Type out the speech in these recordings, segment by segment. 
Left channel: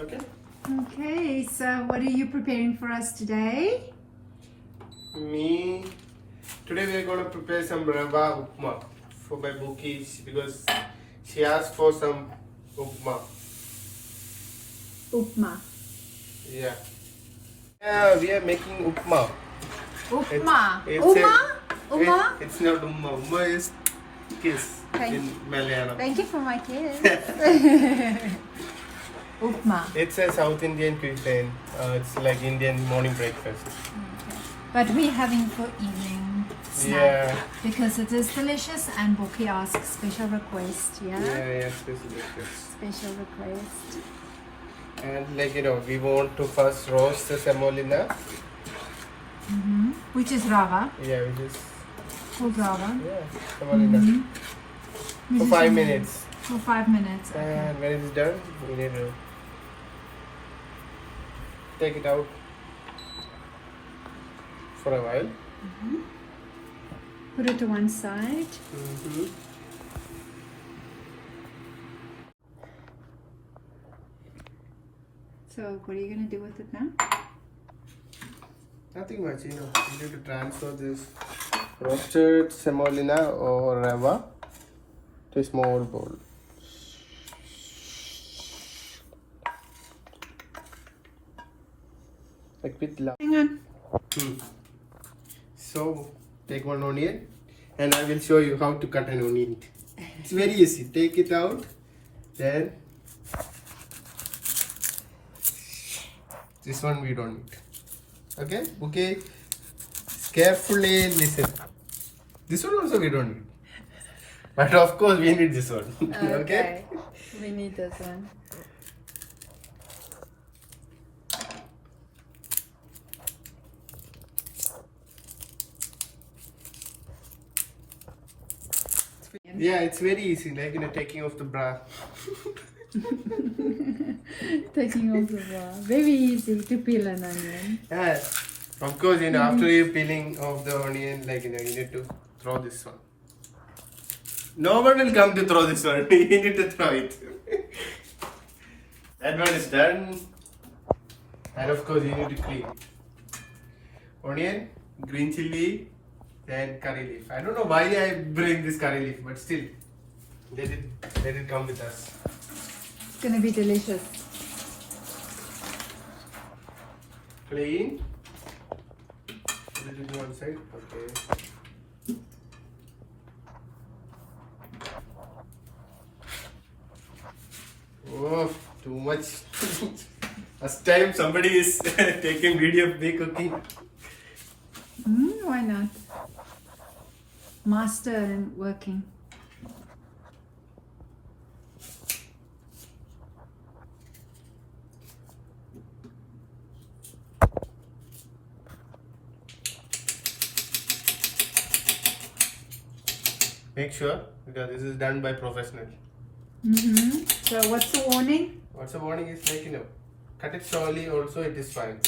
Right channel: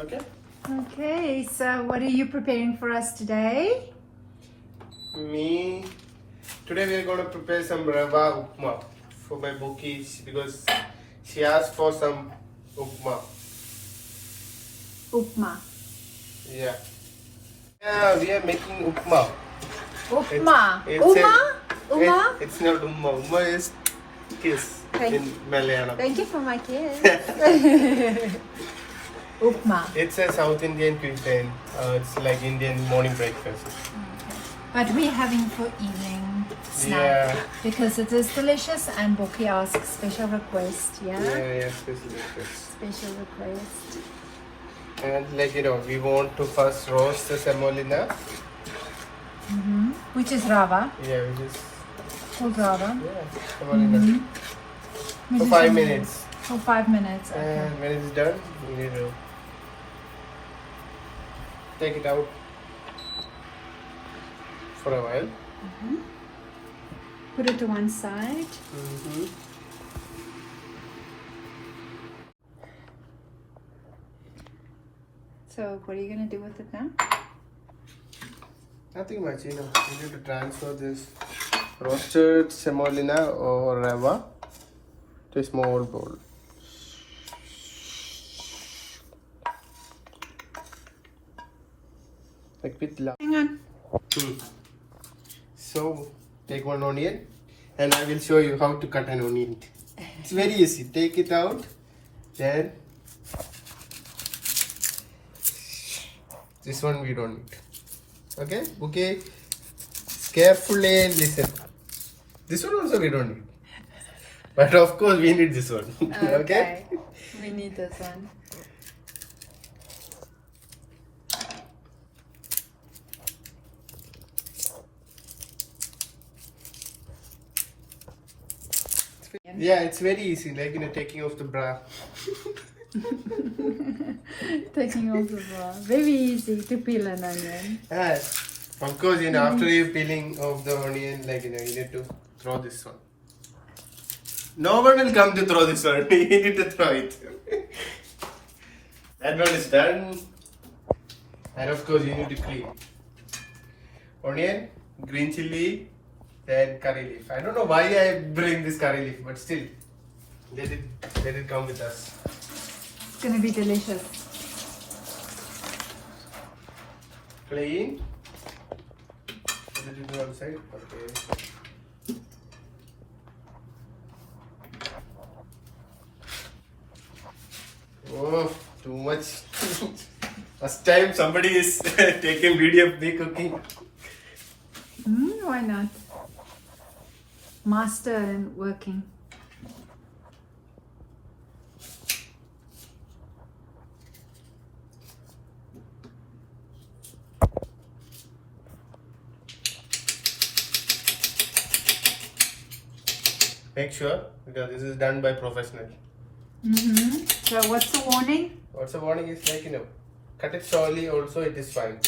Okay? Okay, so what are you preparing for us today? Today we're going to prepare some rava upma for my bookies because she asked for some upma. Upma. Yeah. Yeah, we are making upma. Upma. It's Uma? It's not upma. Upma is kiss in Malayalam. Thank you for my kiss. Upma. It's a South Indian cuisine. It's like Indian morning breakfast. Okay. But we're having for evening snack Yeah. because it is delicious and Bokkie asks special request, yeah? Yeah, it's delicious. Special request. And we want to first roast the semolina. Which is rava. Yeah, which is Full rava. semolina. For 5 minutes. For 5 minutes. Okay. And when it's done, we need to take it out for a while. Put it to one side. So what are you going to do with it now? Nothing much, you need to transfer this roasted semolina or rava to a small bowl. Like with Hang on. So take one onion and I will show you how to cut an onion. It's very easy. Take it out, then this one we don't need. Okay? Okay. Carefully listen. This one also we don't need. But of course we need this one. Okay? We need this one. Yeah, it's very easy, like taking off the bra. Taking off the bra. Very easy to peel an onion. Yes. Of course, after you peeling off the onion, you need to throw this one. No one will come to throw this one. You need to throw it. That one is done. And of course, you need to clean. Onion, green chili, and curry leaf. I don't know why I bring this curry leaf, but still, let it come with us. It's gonna be delicious. Clean. Put it to one side. Okay. Oh, too much. First time somebody is taking video of me cooking. Why not? Master and working. Make sure, because this is done by professional. So what's the warning? What's the warning is cut it slowly also it is fine.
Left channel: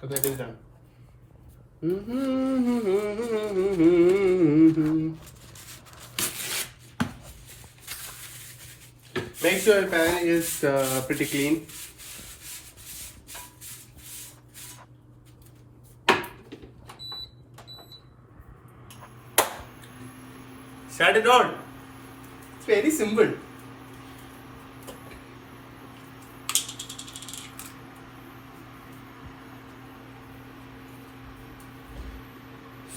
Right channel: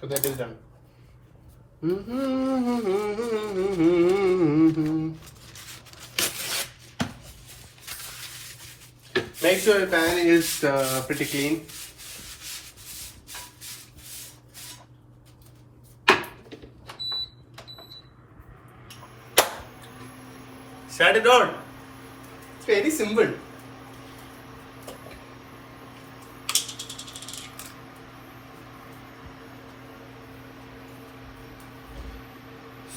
So that is done. Make sure your pan is pretty clean. Shut it on. It's very simple.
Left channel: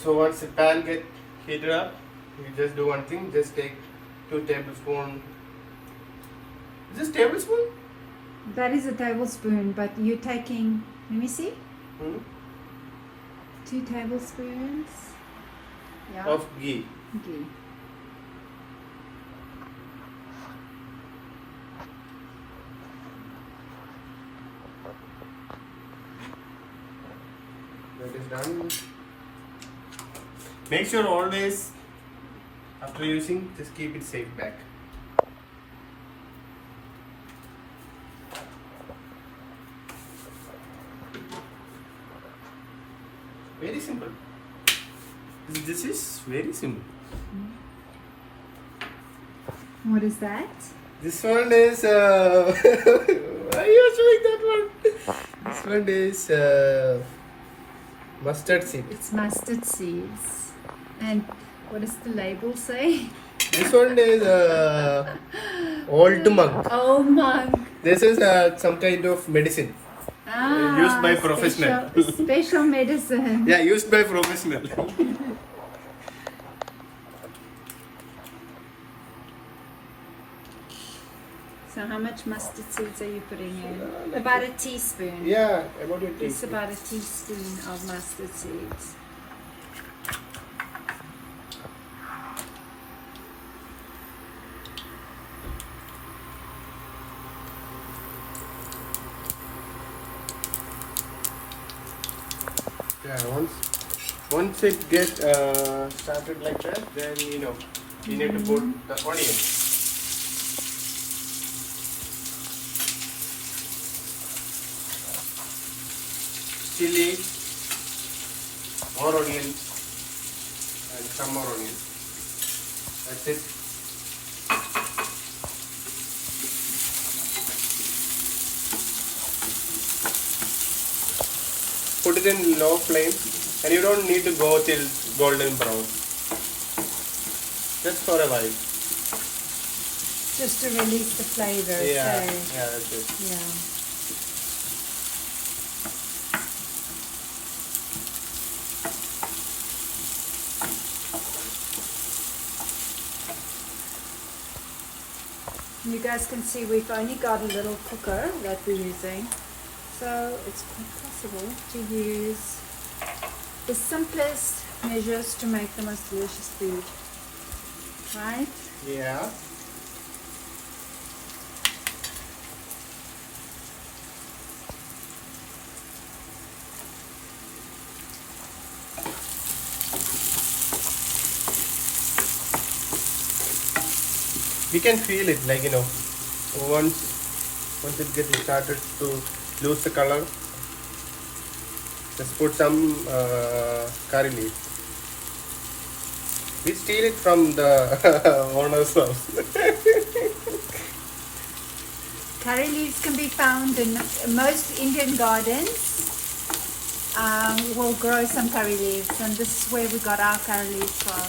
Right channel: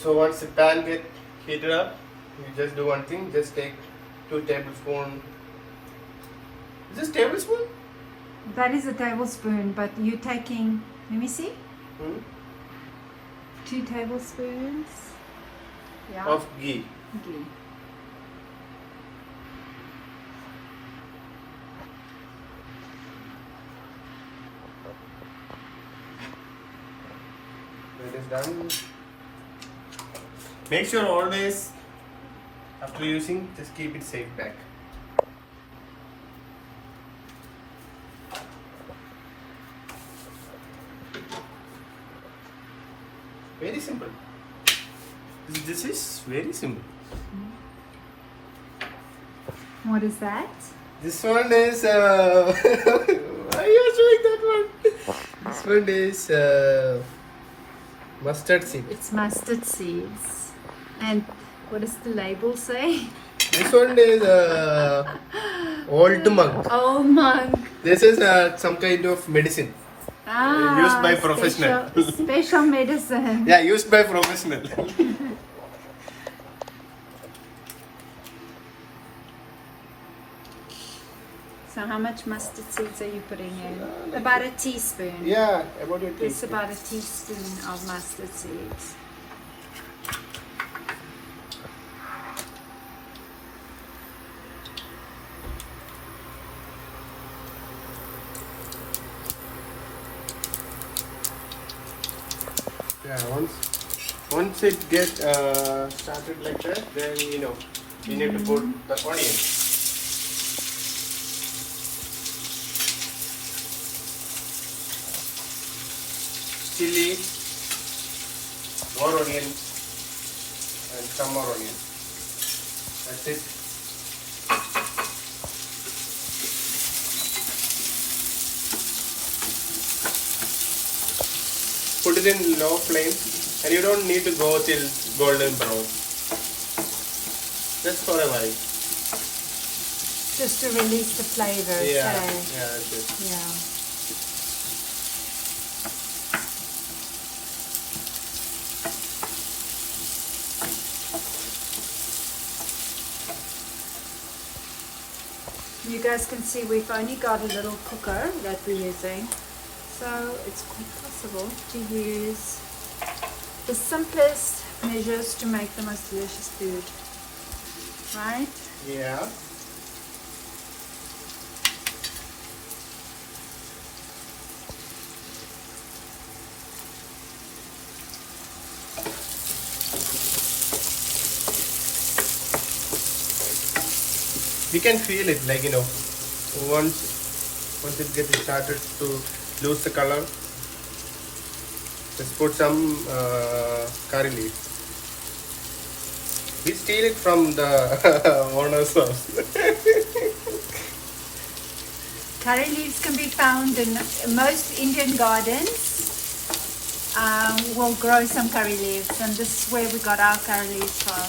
So once the pan gets heated up, you just do one thing, just take 2 tablespoons. Just tablespoon? That is a tablespoon, but you're taking, let me see. 2 tablespoons. Yeah. of ghee. Ghee. That is done. Make sure always after using, just keep it safe back. Very simple. This is very simple. What is that? This one is. Why are you showing that one? This one is mustard seed. It's mustard seeds. And what does the label say? This one is old monk. Oh monk. This is some kind of medicine. Used by professional. Special medicine. Yeah, used by professional. So how much mustard seeds are you putting in? About a teaspoon. Yeah, about your It's taste. about a teaspoon of mustard seeds. Yeah, once it gets started like that, then you need to put the onion. Chili, more onion, and some more onion. That's it. Put it in low flame, and you don't need to go till golden brown. Just for a while. Just to release the flavor. Yeah, So, yeah, that's it. yeah. You guys can see we've only got a little cooker that we're using, so it's possible to use the simplest measures to make the most delicious food, right? Yeah. You can feel it, like once it gets started to lose the color, just put some curry leaves. We steal it from the owner's house. Curry leaves can be found in most Indian gardens. We'll grow some curry leaves, and this is where we got our curry leaves from.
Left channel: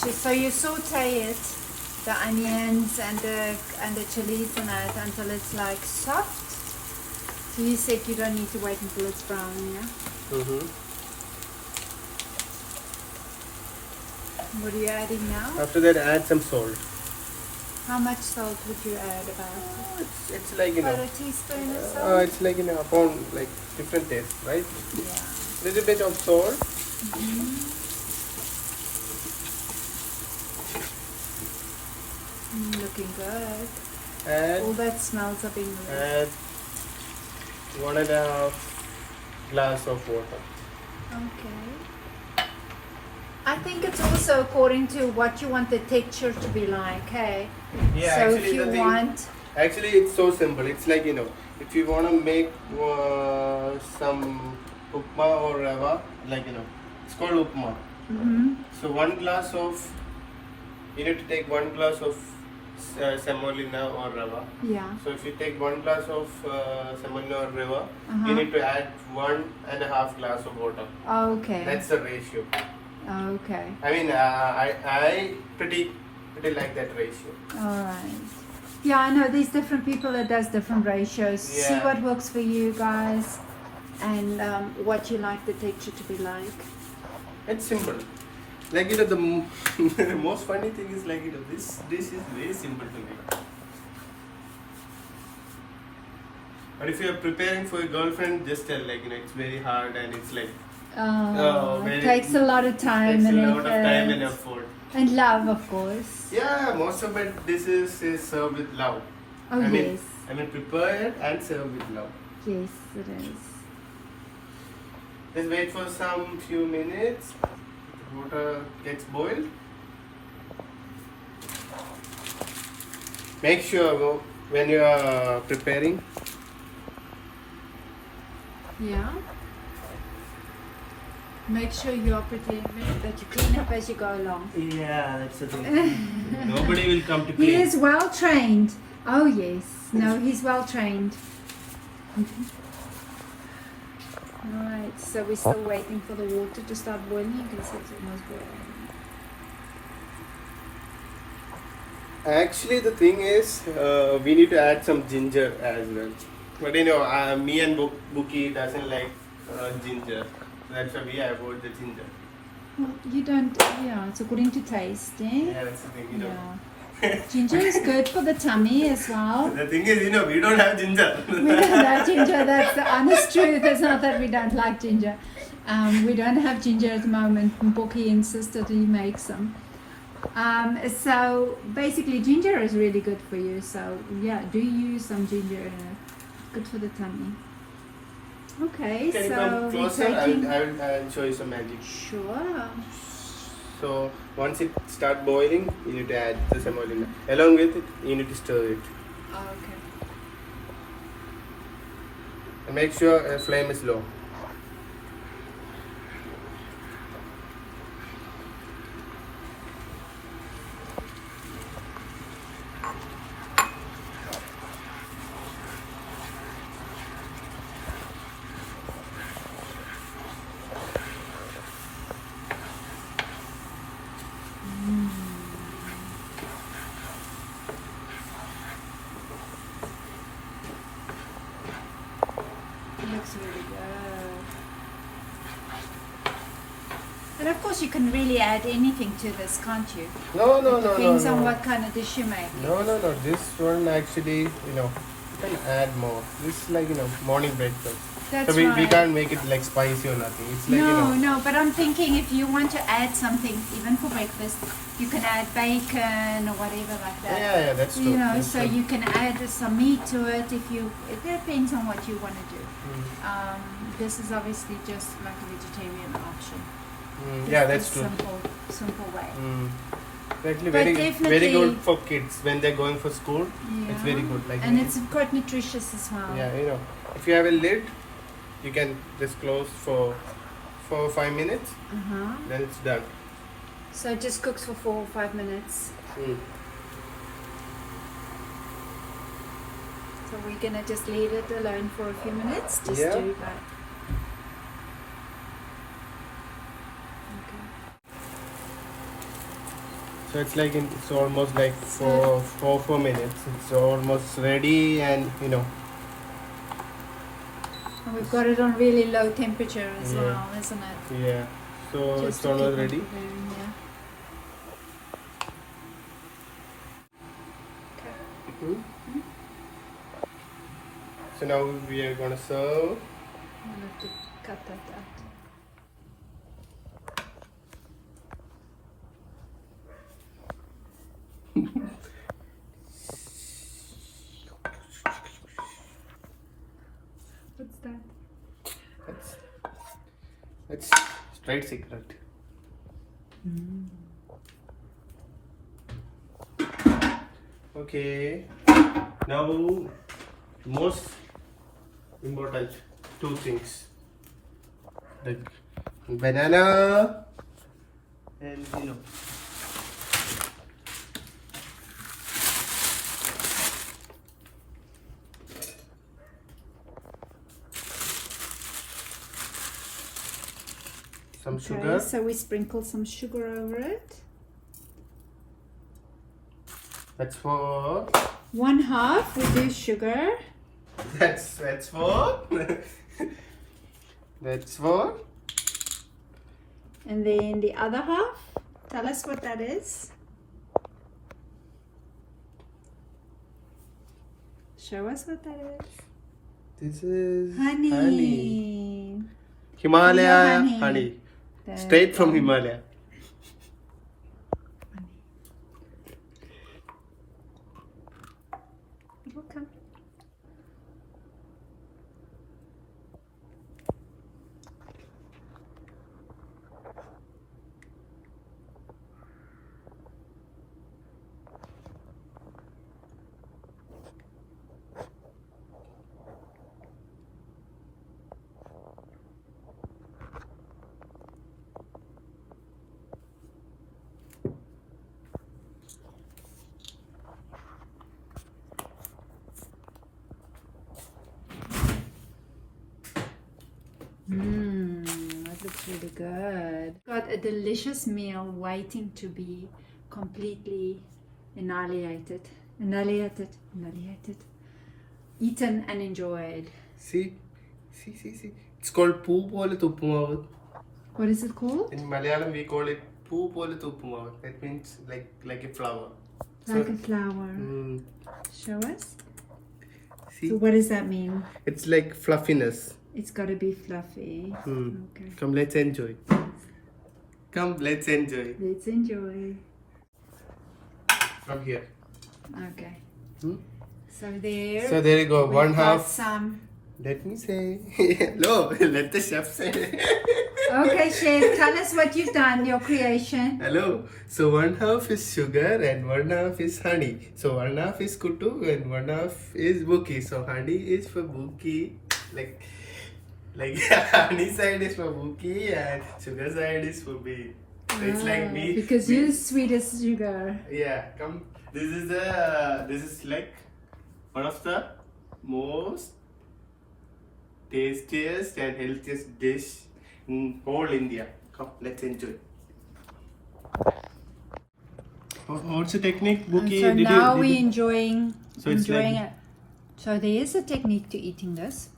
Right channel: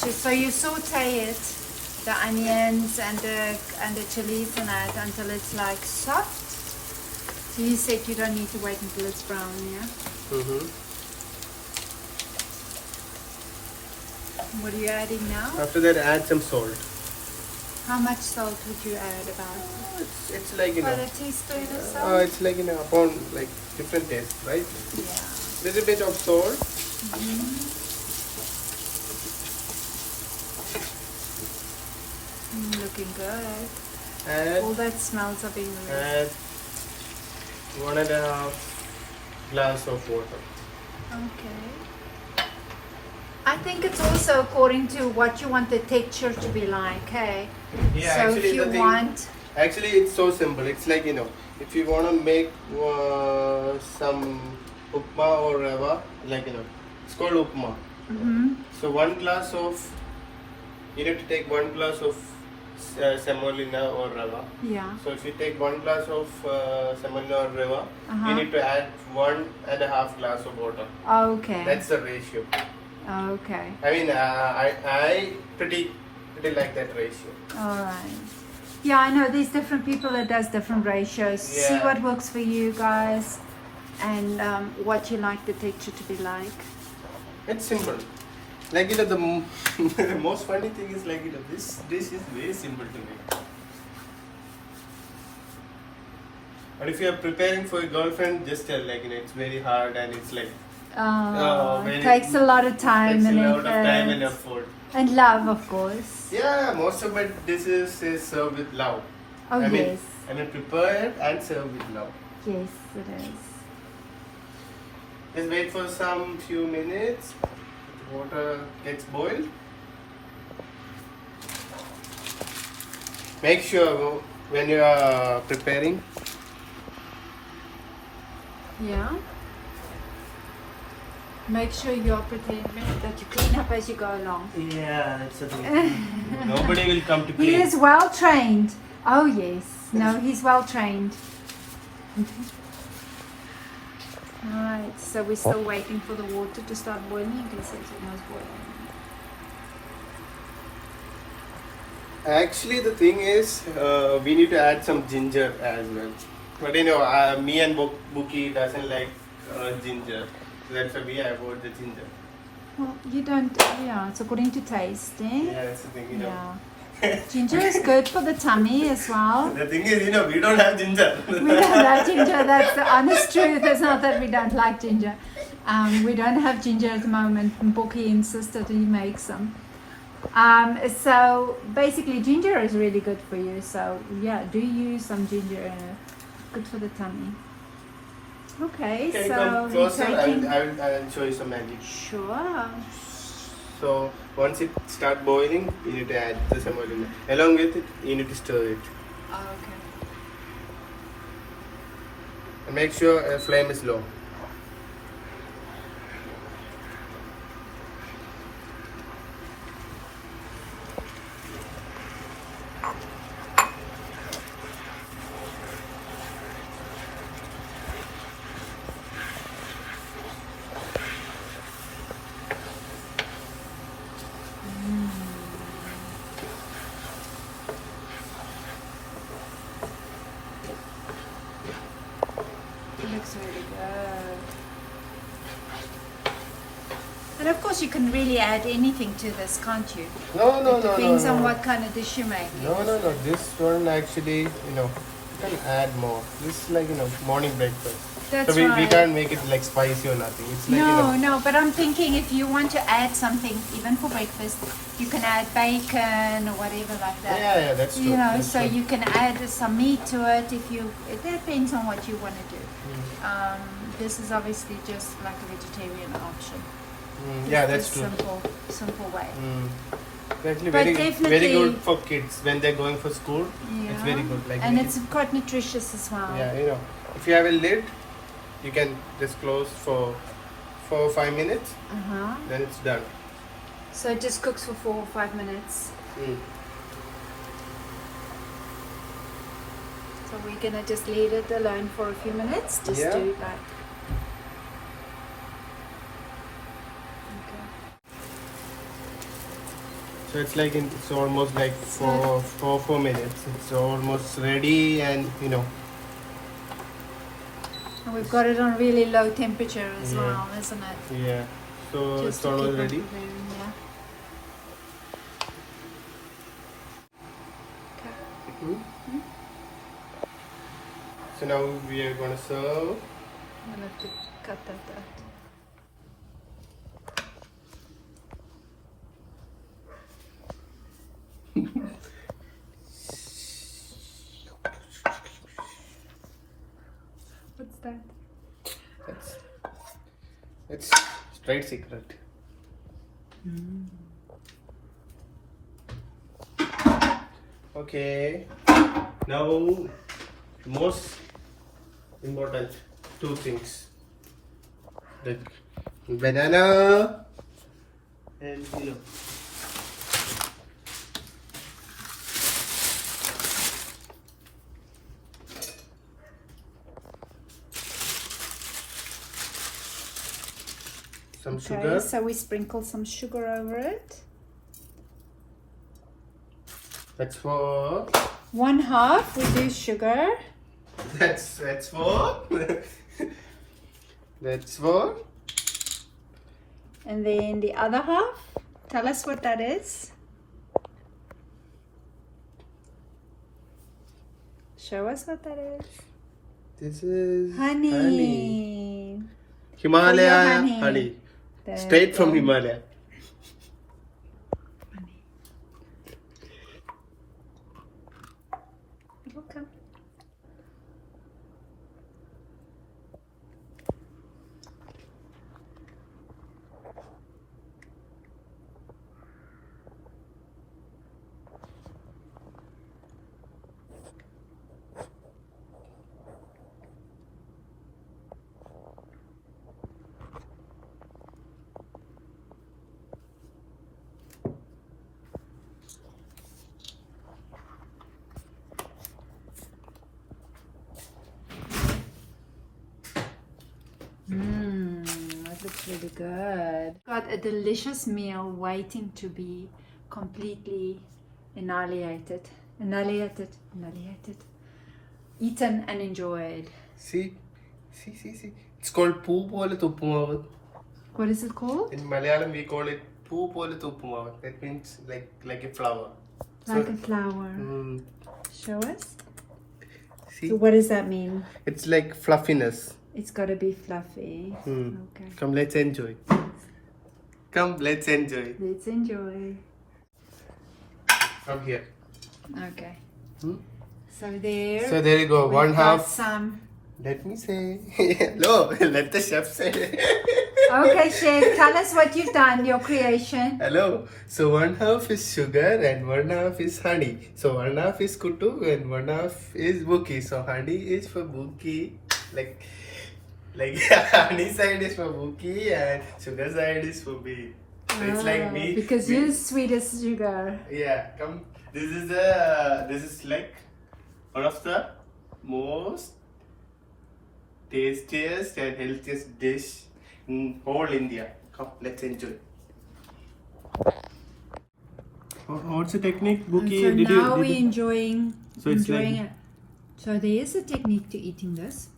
So you saute it, the onions and the chilies and that until it's like soft. So you said you don't need to wait until it's brown, yeah? What are you adding now? After that, add some salt. How much salt would you add? About? It's like About a teaspoon or so? it's like about like different taste, right? Little bit of salt. Looking good. And All that smells of it. add 1.5 glass of water. Okay. I think it's also according to what you want the texture to be like, hey? Yeah, so actually if you the thing, want, actually it's so simple. It's like if you want to make some upma or rava, like it's called upma. So 1 glass of, you need to take 1 glass of semolina or rava. yeah. So if you take 1 glass of semolina or rava, you need to add 1.5 glass of water. Okay. That's the ratio. Okay. I mean, I pretty like that ratio. Alright. Yeah, I know there's different people that does different ratios. Yeah. See what works for you guys and what you like the texture to be like. It's simple. Like the most funny thing is like this dish is very simple to make. But if you are preparing for your girlfriend, just tell like it's very hard and it's like It takes a lot of time. takes a and lot of time and effort. effort. And love, of course. Yeah, most of it dishes is served with love. Oh, yes. I mean prepare it and serve with love. Yes, it is. Let's wait for some few minutes. Water gets boiled. Make sure when you are preparing. Yeah. Make sure you are preparing that you clean up as you go along. Yeah, that's the thing. Nobody will come to He clean. is well trained. Oh yes. No, he's well trained. Alright, so we're still waiting for the water to start boiling because it's almost boiling. Actually, the thing is, we need to add some ginger as well. But you know, me and Bokkie doesn't like ginger. So that's why we avoid the ginger. Well, you don't, yeah, it's according to taste, eh? Yeah, that's the thing, you know. Yeah. Ginger is good for the tummy as well. The thing is, you know, we don't have ginger. We don't have ginger, that's the honest truth. It's not that we don't like ginger. We don't have ginger at the moment. Bokkie insisted he makes some. So basically ginger is really good for you. So yeah, do use some ginger. Good for the tummy. Okay, Can you so come closer? taking... I'll show you some magic. Sure. So once it starts boiling, you need to add the semolina. Along with it, you need to stir it. And make sure the flame is low. Looks really good. And of course you can really add anything to this, can't you? No. Depends on what kind of dish you make. No. This one actually, you know, you can add more. This is like, you know, morning breakfast. That's so we right. can't make it like spicy or nothing. It's like, you know, No, but I'm thinking if you want to add something, even for breakfast, you can add bacon or whatever like that. yeah, that's true. You know, That's so true. you can add some meat to it if you. It depends on what you want to do. This is obviously just like a vegetarian option. Yeah, that's It's true. simple way. Actually, But very definitely- good for kids when they're going for school. It's very good. Like, And it's quite nutritious as well. yeah, you know, if you have a lid, you can just close for 4 or 5 minutes, then it's done. So it just cooks for 4 or 5 minutes. So we're gonna just leave it alone for a few minutes, just Yeah. to like. Okay. So it's like it's almost like 4 minutes. It's almost ready, and you know. And we've got it on really low temperature as Yeah. well, isn't it? Yeah. So Just it's to almost keep it ready. there, yeah. So now we are gonna serve. I'm gonna have to cut that out. What's that? It's straight secret. Okay. Now, most important 2 things: the banana and you know. Some sugar. Okay, so we sprinkle some sugar over it. That's for. 1/2 we do sugar. That's for. That's for. And then the other half, tell us what that is. Show us what that is. This is honey. Himalaya honey. honey. There Straight from you go. Himalaya. Okay. That looks really good. Got a delicious meal waiting to be completely annihilated, eaten and enjoyed. See. It's called poo pole tuppumavu. What is it called? In Malayalam we call it poo pole tuppumavu. That means like a flower. Like a flower. Mm, Show us. see, So what does that mean? it's like fluffiness. It's got to be fluffy. Mm. Okay. Come, let's enjoy. Come, let's enjoy. Let's enjoy. From here. Okay. Hmm? So there. So there you go. we've One got half. some. Let me say. No, let the chef say. Okay, chef, tell us what you've done, your creation. Hello. So one half is sugar and one half is honey. So one half is kuttu and one half is bokkie. So honey is for bokkie, like honey side is for bokkie and sugar side is for me. So it's like me. Because me- you're sweet as sugar. Yeah. Come. This is like one of the most tastiest and healthiest dish in whole India. Come, let's enjoy. What's the technique, Bokkie? So now we're enjoying So it's it. like- So there is a technique to eating this,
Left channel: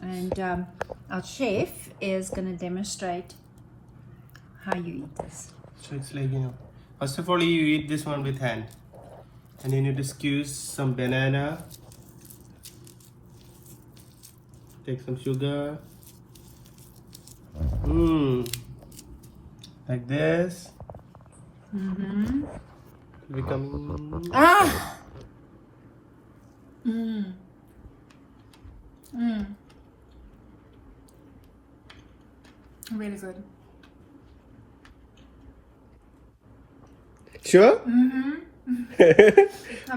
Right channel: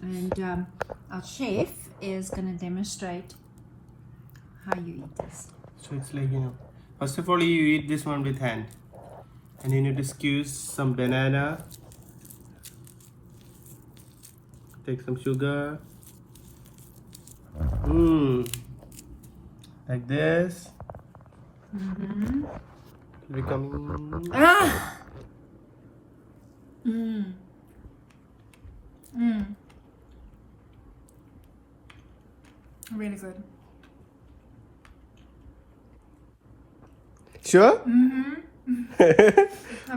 and our chef is going to demonstrate how you eat this. So it's like, first of all you eat this one with hand. And you need to squeeze some banana. Take some sugar. Like this. Mm-hmm. Becoming. Ah! Mm. Mm. Really good. Sure? Mm-hmm.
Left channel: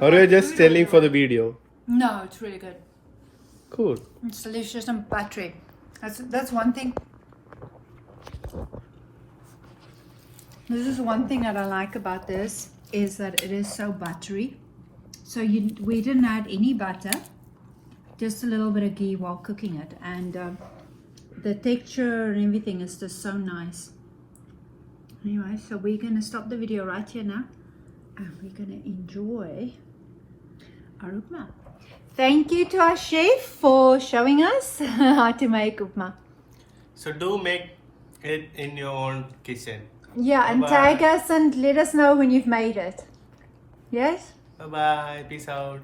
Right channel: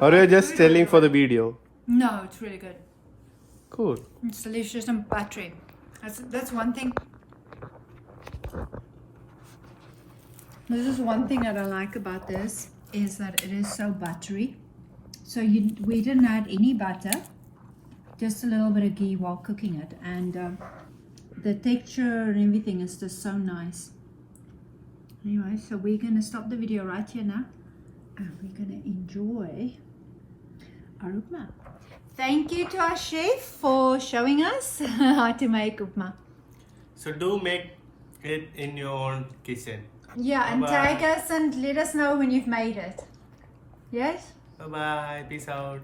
Or you're just telling for the video? No, it's really good. Cool. It's delicious and buttery. That's one thing. This is one thing that I like about this, is that it is so buttery. So we didn't add any butter, just a little bit of ghee while cooking it, and the texture and everything is just so nice. Anyway, so we're going to stop the video right here now, and we're going to enjoy our upma. Thank you to our chef for showing us how to make upma. So do make it in your own kitchen. Yeah, and Bye-bye. tag us and let us know when you've made it. Yes? Bye bye. Peace out.